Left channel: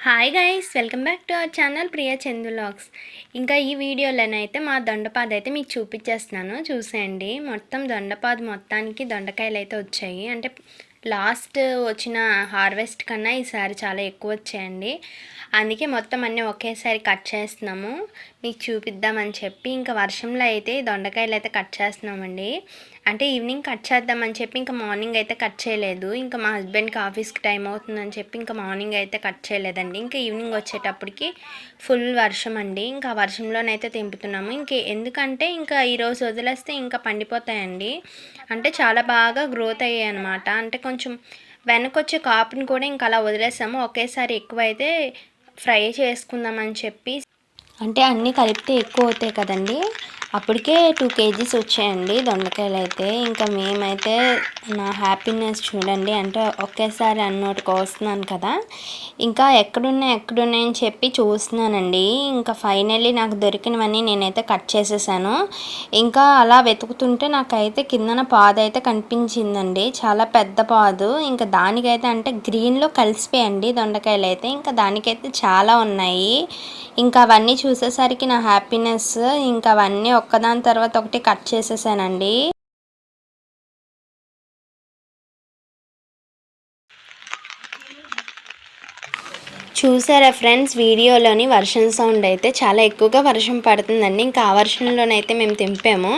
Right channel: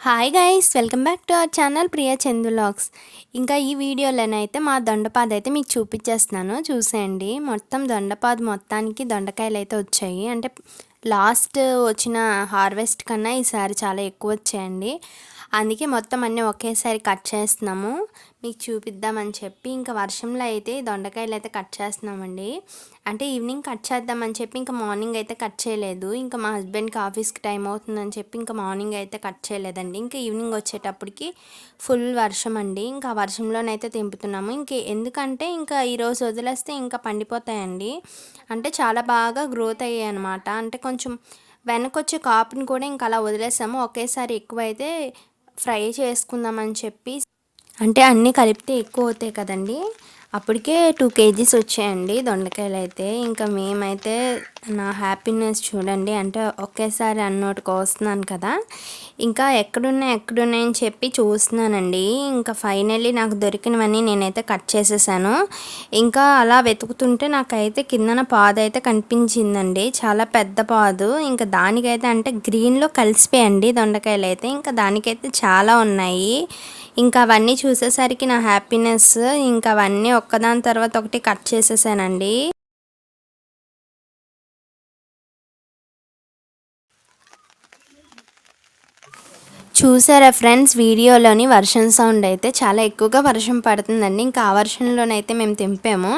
Hi guys welcome back to our channel Priya Chandu vlogs ఇంకా ఈ వీడియోలోనైతే మా దొండపాద అయితే మీకు చూపించేస్తున్నాను. చూసేయండి. మొత్తం దొండపాద మొత్తానికి దొండకాయలు అయితే వచ్చాయి. అంటే లాస్ట్ వచ్చిన హార్వెస్ట్ కన్నా ఈసారి చాలా ఎక్కువ వచ్చాయండి. అందుకే మొత్తం అన్నీ ఒకేసారి కట్ చేస్తున్నాము. మీకు చూపిద్దామని చెప్పి ఇంకా వర్షంలో అయితే దొండకాయలు అయితే కట్ చేస్తున్నామండి. అంటే ఈవినింగ్ కట్ చేద్దామని చెప్పి ఇంకా మార్నింగ్ అయితే కట్ చేయలేదు. ఇంకా మా హస్బెండ్కి ఆఫీస్కి టైం అవుతుందని చెప్పి ఇంకా మార్నింగ్ అయితే కట్ చేయలేదండి. ఇంకా ఈవినింగ్ వచ్చేటప్పటికి ఫుల్ వర్షం అండి. ఇంకా వర్షంలోనైతే తెంపుతున్నాము. ఇంక ఎందుకంటే ఇంకా ఈరోజు వదిలేస్తే ఇంకా పండిపోతాయండి. అంటే చాలా బాగా గ్రోత్ అయ్యాయి అనమాట అంటే కొంచెం వెనకొచ్చే కాపుని కూడా ఇంకా అలా వదిలేసాము. ఒకేసారి ఎక్కువైతే ఫ్రై చేసుకుందామని చెప్పి అంటే అన్నీ కలిపితే ఎక్కువ అవుతాయి కదండి. అప్పటికే టూ కేజీస్ వచ్చాయండి దొండకాయలు అయితే ఇంకా మేమైతే నా హ్యాపీనెస్ చూడండి అంటే ఒకేసారి అన్నోటి కోస్తున్నాను కదా. ఇంకా ఎక్కడున్నాయి ఎక్కడున్నాయని చెప్పి చూస్తున్నానండి. ఇంకా ఫైనల్లీ నాకు దొరికినవన్నీ నేనైతే కట్ చేసేసాను. ఇంకా అలా వెతుకుతుంటే నాకైతే కిందన పాదు అయితే కనిపించిందండి. చాలా పెద్ద పాదు. ఇంకా దానికైతే అంటే గ్రీన్లో కలిసిపోయండి దొండకాయలు అయితే ఇంకా దానికైతే చాలా ఉన్నాయి. ఇంకా అవన్నీ చూసేసరికి నా హ్యాపీనెస్ ఇంకా అవన్నీ ఒక్కదాని తర్వాత ఒకటి కట్ చేసేసానండి. చూసారా ఫ్రెండ్స్ వీడియోలోని వర్షం సౌండ్ అయితే చాలా ఎక్కువగా వర్షం పడుతుందండి. ఇంకా ఆ వర్షంలోనైతే మేము తింపాము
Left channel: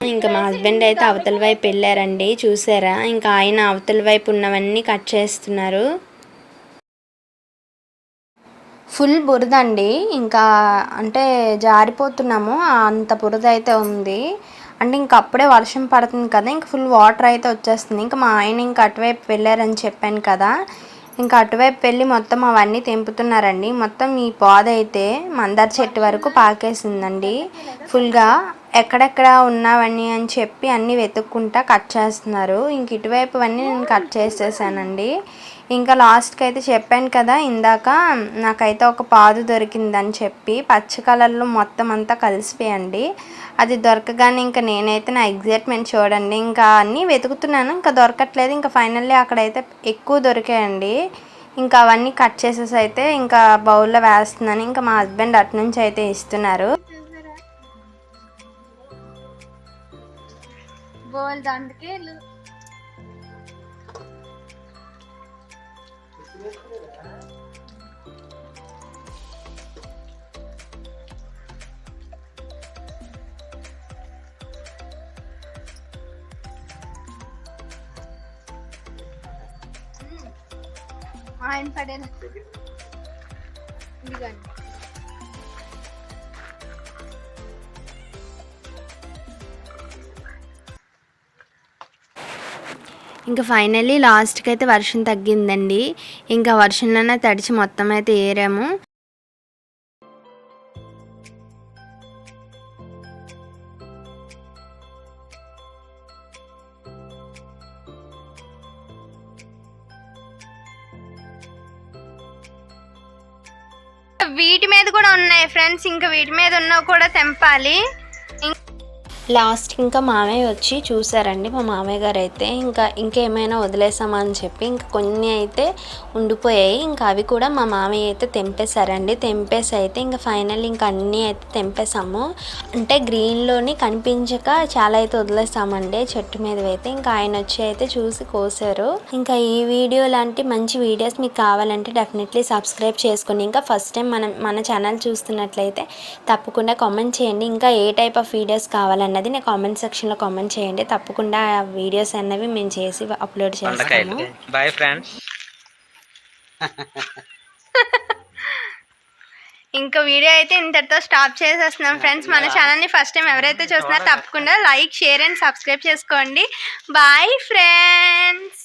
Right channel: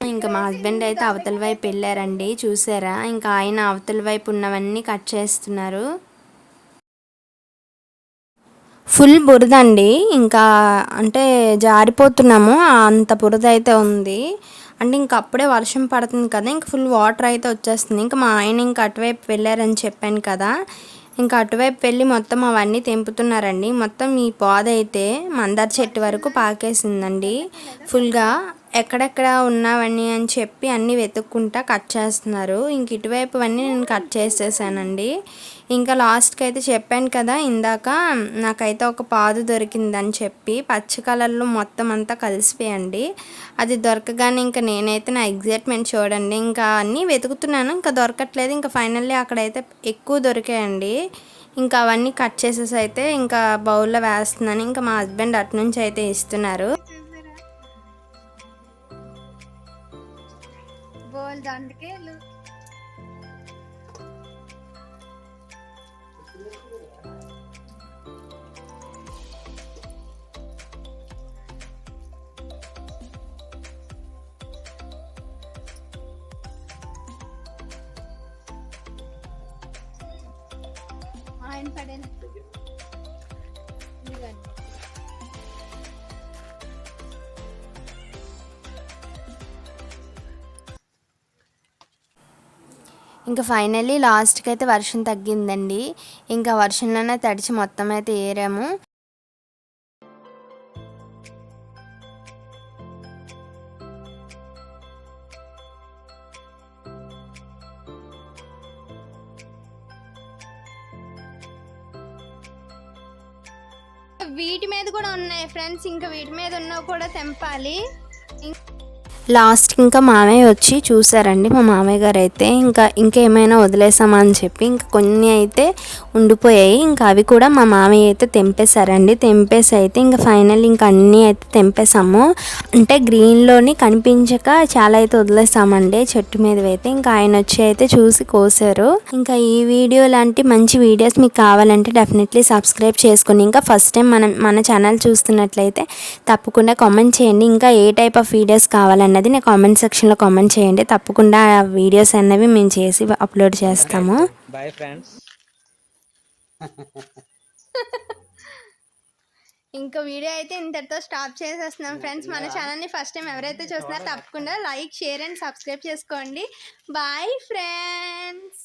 ఇంకా మా హస్బెండ్ అయితే అవతల వైపు వెళ్ళారండి చూసారా? ఇంకా ఆయన అవతల వైపు ఉన్నవన్నీ కట్ చేస్తున్నారు. ఫుల్ బురద అండి. ఇంకా అంటే జారిపోతున్నాము. అంత బురద అయితే ఉంది. అంటే ఇంక అప్పుడే వర్షం పడుతుంది కదా ఇంక ఫుల్ వాటర్ అయితే వచ్చేస్తుంది. ఇంకా మా ఆయన ఇంకా అటువైపు వెళ్ళారని చెప్పాను కదా. ఇంకా అటువైపు వెళ్ళి మొత్తం అవన్నీ తెంపుతున్నారండి. మొత్తం ఈ పాద అయితే మందార చెట్టు వరకు పాకేసిందండి. ఫుల్గా ఎక్కడెక్కడ ఉన్నావని అని చెప్పి అన్నీ వెతుక్కుంటా కట్ చేస్తున్నారు. ఇంక ఇటువైపు అన్నీ నేను కట్ చేసేసానండి. ఇంకా లాస్ట్కి అయితే చెప్పాను కదా ఇందాక నాకైతే ఒక పాదు దొరికిందని చెప్పి పచ్చ కలర్లో మొత్తం అంతా కలిసిపోయండి. అది దొరకగానే ఇంకా నేనైతే నా ఎగ్జైట్మెంట్ చూడండి. ఇంకా అన్నీ వెతుకుతున్నాను ఇంకా దొరకట్లేదు. ఇంకా ఫైనల్లీ అక్కడైతే ఎక్కువ దొరికాయండి. ఇంకా అవన్నీ కట్ చేసేసి అయితే ఇంకా బౌల్లో వేస్తున్నాను. ఇంకా మా హస్బెండ్ అటు నుంచి అయితే ఇస్తున్నారు. బౌల్ దండకేళ్ళు ఆయన పడేది ఇంకా ఫైనల్లీ లాస్ట్కి అయితే వర్షం తగ్గిందండి. ఇంకా వర్షంలోనే తడిచి మొత్తం అయితే ఏరాము. వీటి మీద కూడా ఉన్నాయి ఫ్రెండ్స్ ఇంకా వీటి మీద ఉన్నవి కూడా తెంపాలి. లాస్ట్ ఇంకా మామయ్య వచ్చి చూసారండి మా మామయ్య గారు అయితే. ఇంకా ఇంకేమైనా వదిలేసామా అని చెప్పి ఇంకా కొన్ని అయితే ఉండిపోయాయి. ఇంకా అవి కూడా మా మామయ్య అయితే తెంపేశారండి. తెంపేసి అయితే ఇంకా ఫైనల్ ఇంకా అన్నీ అయితే తెంపేసాము అంటే గ్రీన్లోని కనిపించక చాలా అయితే వదిలేసామండి. చెట్టు మీద అయితే ఇంకా ఆయన వచ్చి అయితే చూసి కోసారు. ఇంకా ఈ వీడియో లాంటి మంచి వీడియోస్ మీకు కావాలంటే డెఫినెట్లీ సబ్స్క్రైబ్ చేసుకుని ఇంకా ఫస్ట్ టైం మనం మన ఛానల్ చూస్తున్నట్లయితే తప్పకుండా కామెంట్ చేయండి. ఇంకా ఏ టైప్ ఆఫ్ వీడియోస్ కావాలన్నది నా కామెంట్ సెక్షన్లో కామెంట్ చేయండి. తప్పకుండా ఆ వీడియోస్ అన్నవి మేము చేసి అప్లోడ్ చేస్తాము. బాయ్ ఫ్రెండ్స్ ఇంకా వీడియో అయితే ఇంతటితో స్టాప్ చేసేస్తున్నాం ఫ్రెండ్స్ మన ఛానల్ని ఫస్ట్ టైం ఎవరైతే చూస్తున్నారో తప్పకుండా లైక్ షేర్ అండ్ సబ్స్క్రైబ్ చేసుకోండి. Bye friends